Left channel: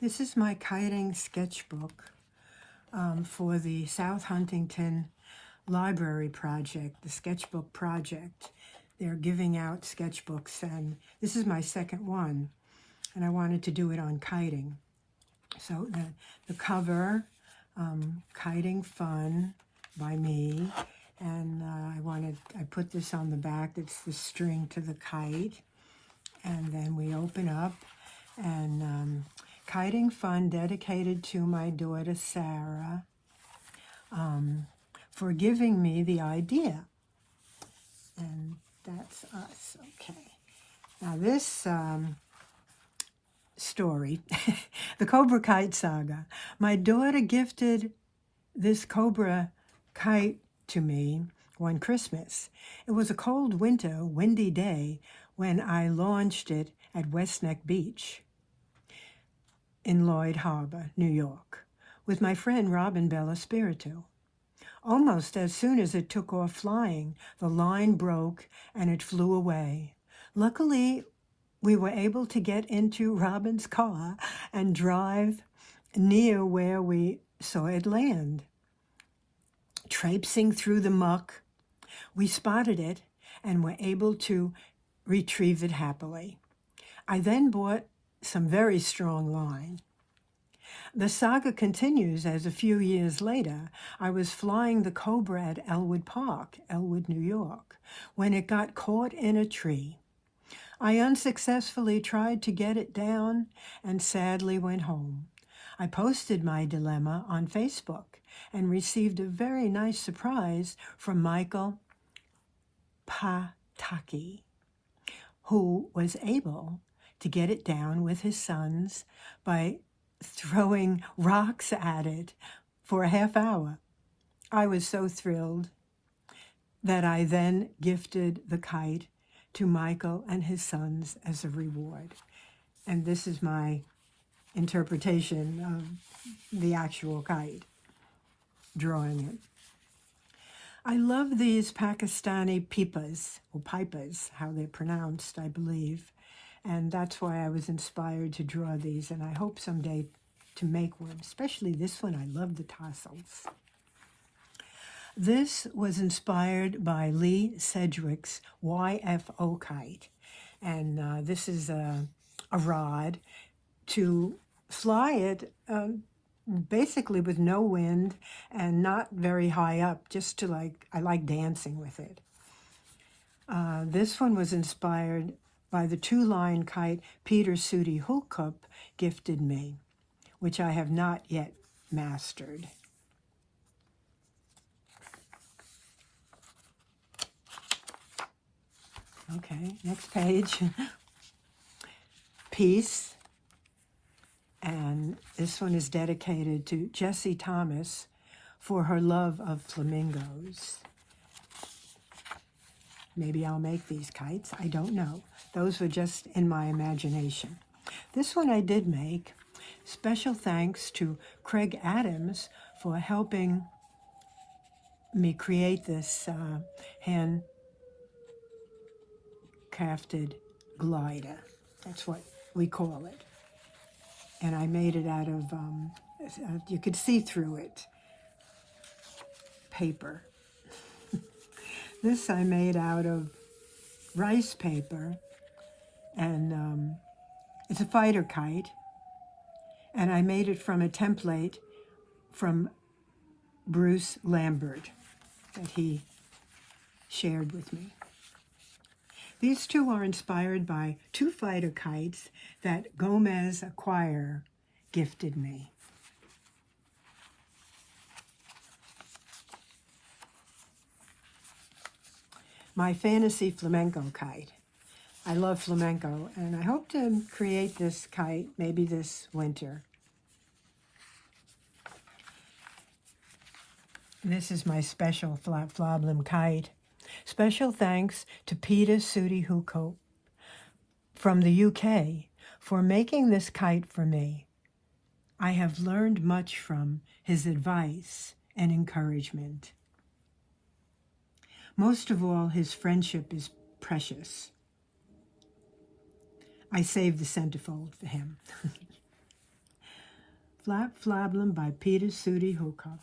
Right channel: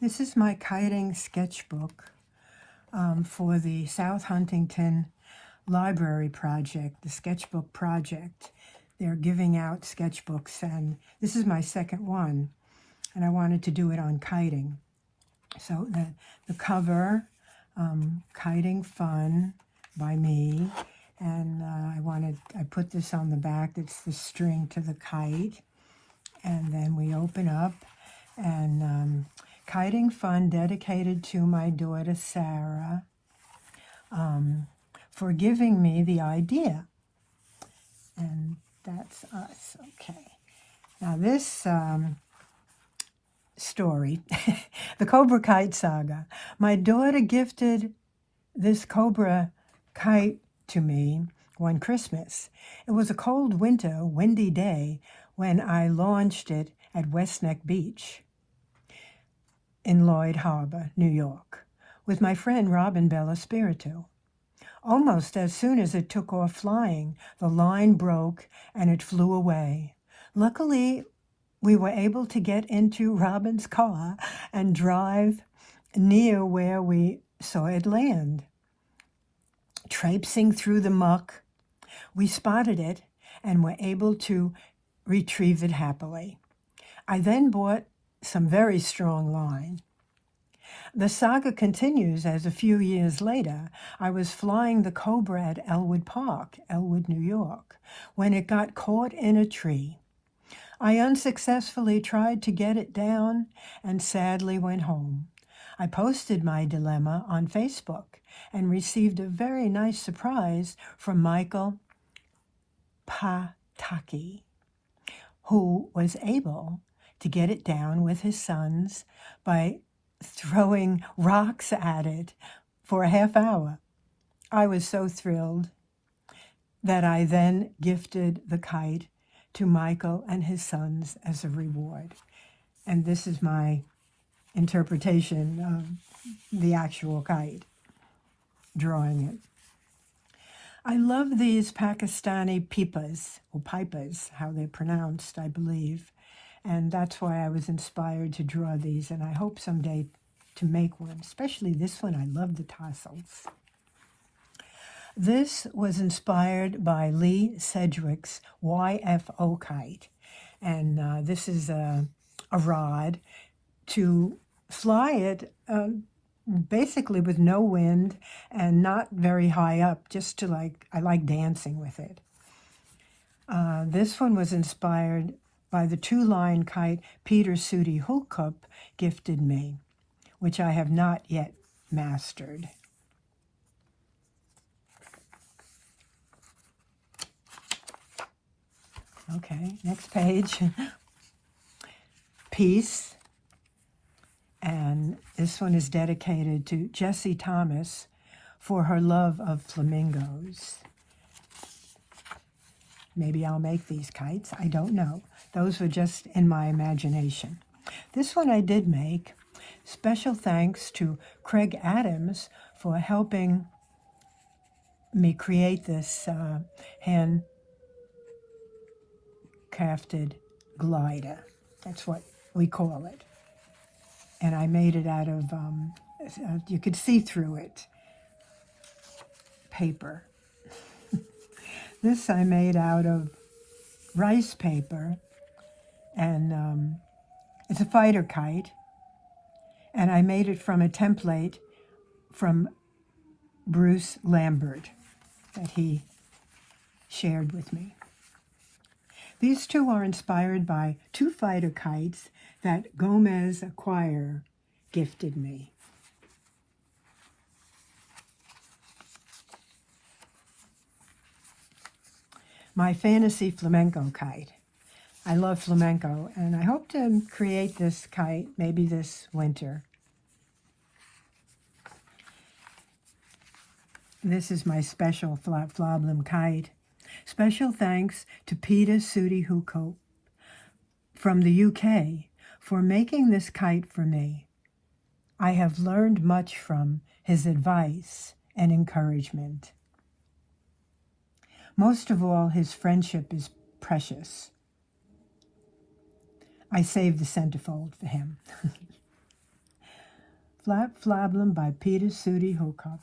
This is my kiting sketchbook for the South Huntington Library Project, the Sketchbook Project. They're giving out sketchbooks, and this is my second one, and I wanted to do it on kiting. So the cover, Kiting Fun by me, and I put this on the back. It's the string to the kite, and then we open up, and Kiting Fun dedicated to my daughter Sarah for giving me the idea. And that's us. Okay. Now this story, the Cobra Kite Saga. My daughter gifted this Cobra kite to me one Christmas. It was a cold winter, windy day when I launched it at West Neck Beach in Lloyd Harbor, New York, with my friend Robyn Bellospirito. Almost as soon as it took off flying, the line broke and it flew away. Luckily, we were able to get into Robyn's car and drive near where we saw it land. Traipsing through the muck, we spotted it and were able to retrieve it happily. I then bought some very strong line. The saga continues as a few years later, I was flying the Cobra at Elwood Park, Elwood, New York, when it got caught in a tree. I unsuccessfully tried to get it down and sadly went home. I posted my dilemma on Facebook and received a very nice surprise from Michael Pataki, who was able to get it down with his sons by throwing rocks at it for a half hour. I was so thrilled that I then gifted the kite to Michael and his sons as a reward. And this is my interpretation of the actual kite, drawing it. I love these Pakistani Pipas, or pipers, how they're pronounced, I believe. And that's why I was inspired to draw these, and I hope someday to make one, especially this one. I love the tassels. This was inspired by Lee Sedgwick's YFO kite, and this is a rod to fly it basically with no wind and not very high up, just to I like dancing with it. This one was inspired by the two-line kite Peter Sudi Hookup gifted me, which I have not yet mastered. Okay, next page. Peace. And this one is dedicated to Jessie Thomas for her love of flamingos. Maybe I'll make these kites. I don't know. Those were just in my imagination. This one I did make. Special thanks to Craig Adams for helping me create this hand-crafted glider. That's what we call it. And I made it out of, you could see through it, paper. This I made out of rice paper, and it's a fighter kite, and I made it from a template from Bruce Lambert that he shared with me. These two are inspired by two fighter kites that Gomez Acquire gifted me. My fantasy flamenco kite. I love flamenco, and I hope to create this kite maybe this winter. This is my special Flablam kite. Special thanks to Peter Sudi Hookup from the UK for making this kite for me. I have learned much from his advice and encouragement. Most of all, his friendship is precious. I saved the centerfold for him. Flap Flablum by Peter Sudi Hookup.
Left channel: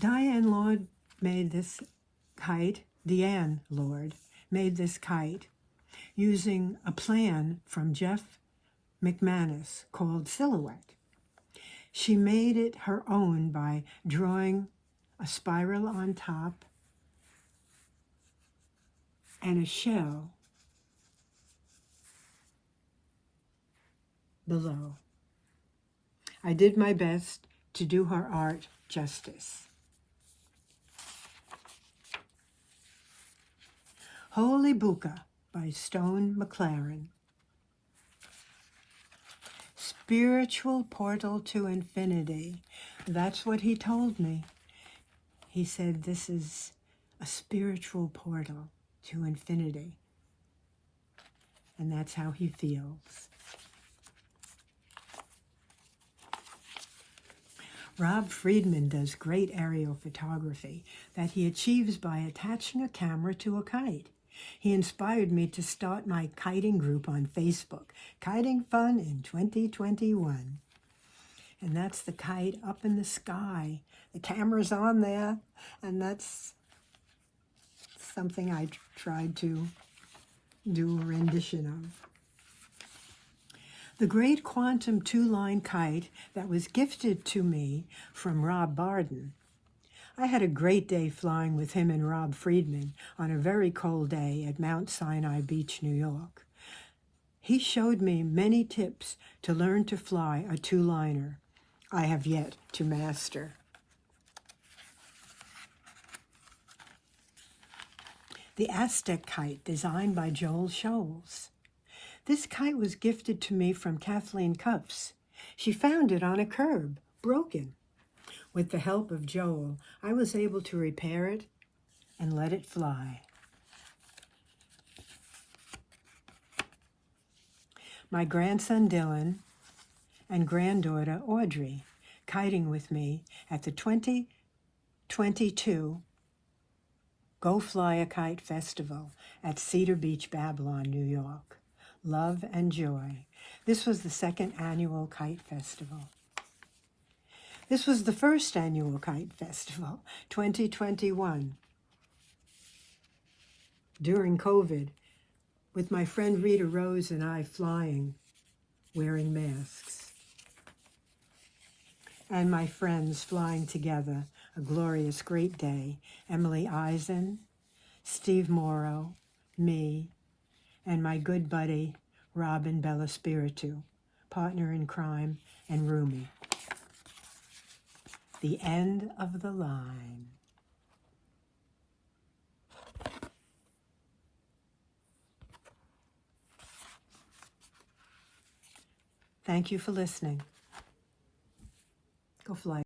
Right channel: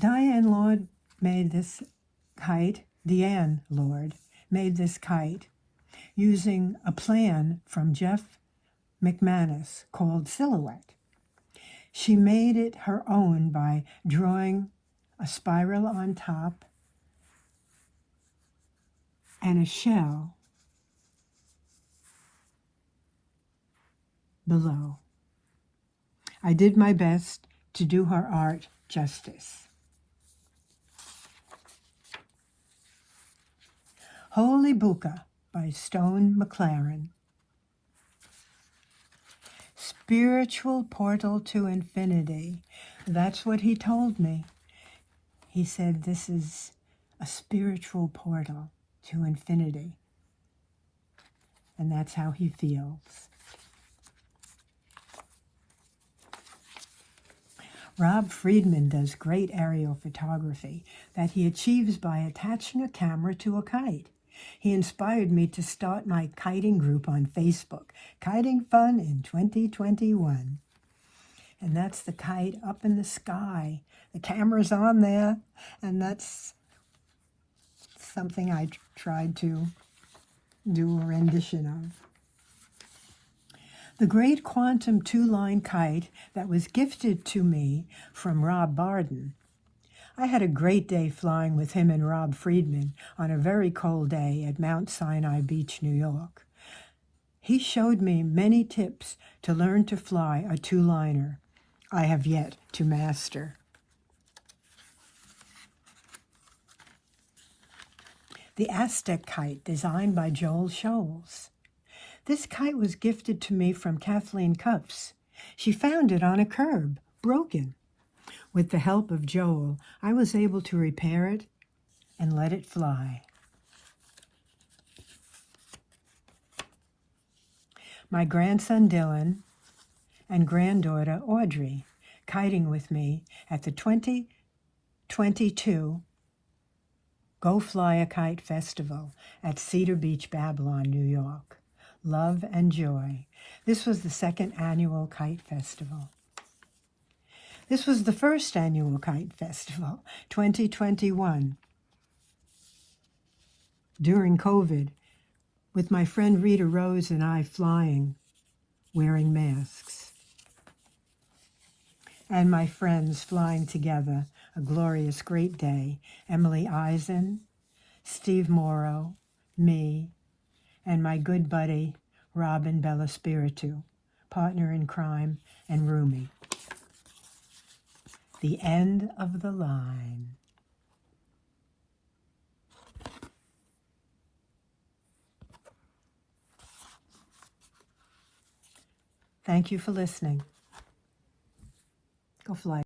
Diane Lord made this kite, Deanne Lord made this kite using a plan from Jeff McManus called Silhouette. She made it her own by drawing a spiral on top and a shell below. I did my best to do her art justice. Holy Buca by Stone McLaren. Spiritual portal to infinity. That's what he told me. He said this is a spiritual portal to infinity. And that's how he feels. Rob Friedman does great aerial photography that he achieves by attaching a camera to a kite. He inspired me to start my kiting group on Facebook, Kiting Fun in 2021. And that's the kite up in the sky. The camera's on there, and that's something I tried to do a rendition of. The great quantum two-line kite that was gifted to me from Rob Barden. I had a great day flying with him and Rob Friedman on a very cold day at Mount Sinai Beach, New York. He showed me many tips to learn to fly a two-liner I have yet to master. The Aztec Kite, designed by Joel Scholes. This kite was gifted to me from Kathleen Cuffs. She found it on a curb, broken. With the help of Joel, I was able to repair it and let it fly. My grandson Dylan and granddaughter Audrey kiting with me at the 2022 Go Fly a Kite Festival at Cedar Beach, Babylon, New York. Love and joy. This was the second annual Kite Festival. This was the first annual Kite Festival, 2021, during COVID, with my friend Rita Rose and I flying, wearing masks. And my friends flying together, a glorious, great day. Emily Eisen, Steve Morrow, me, and my good buddy, Robyn Bellospirito, partner in crime and roomie. The end of the line. Thank you for listening. Go fly.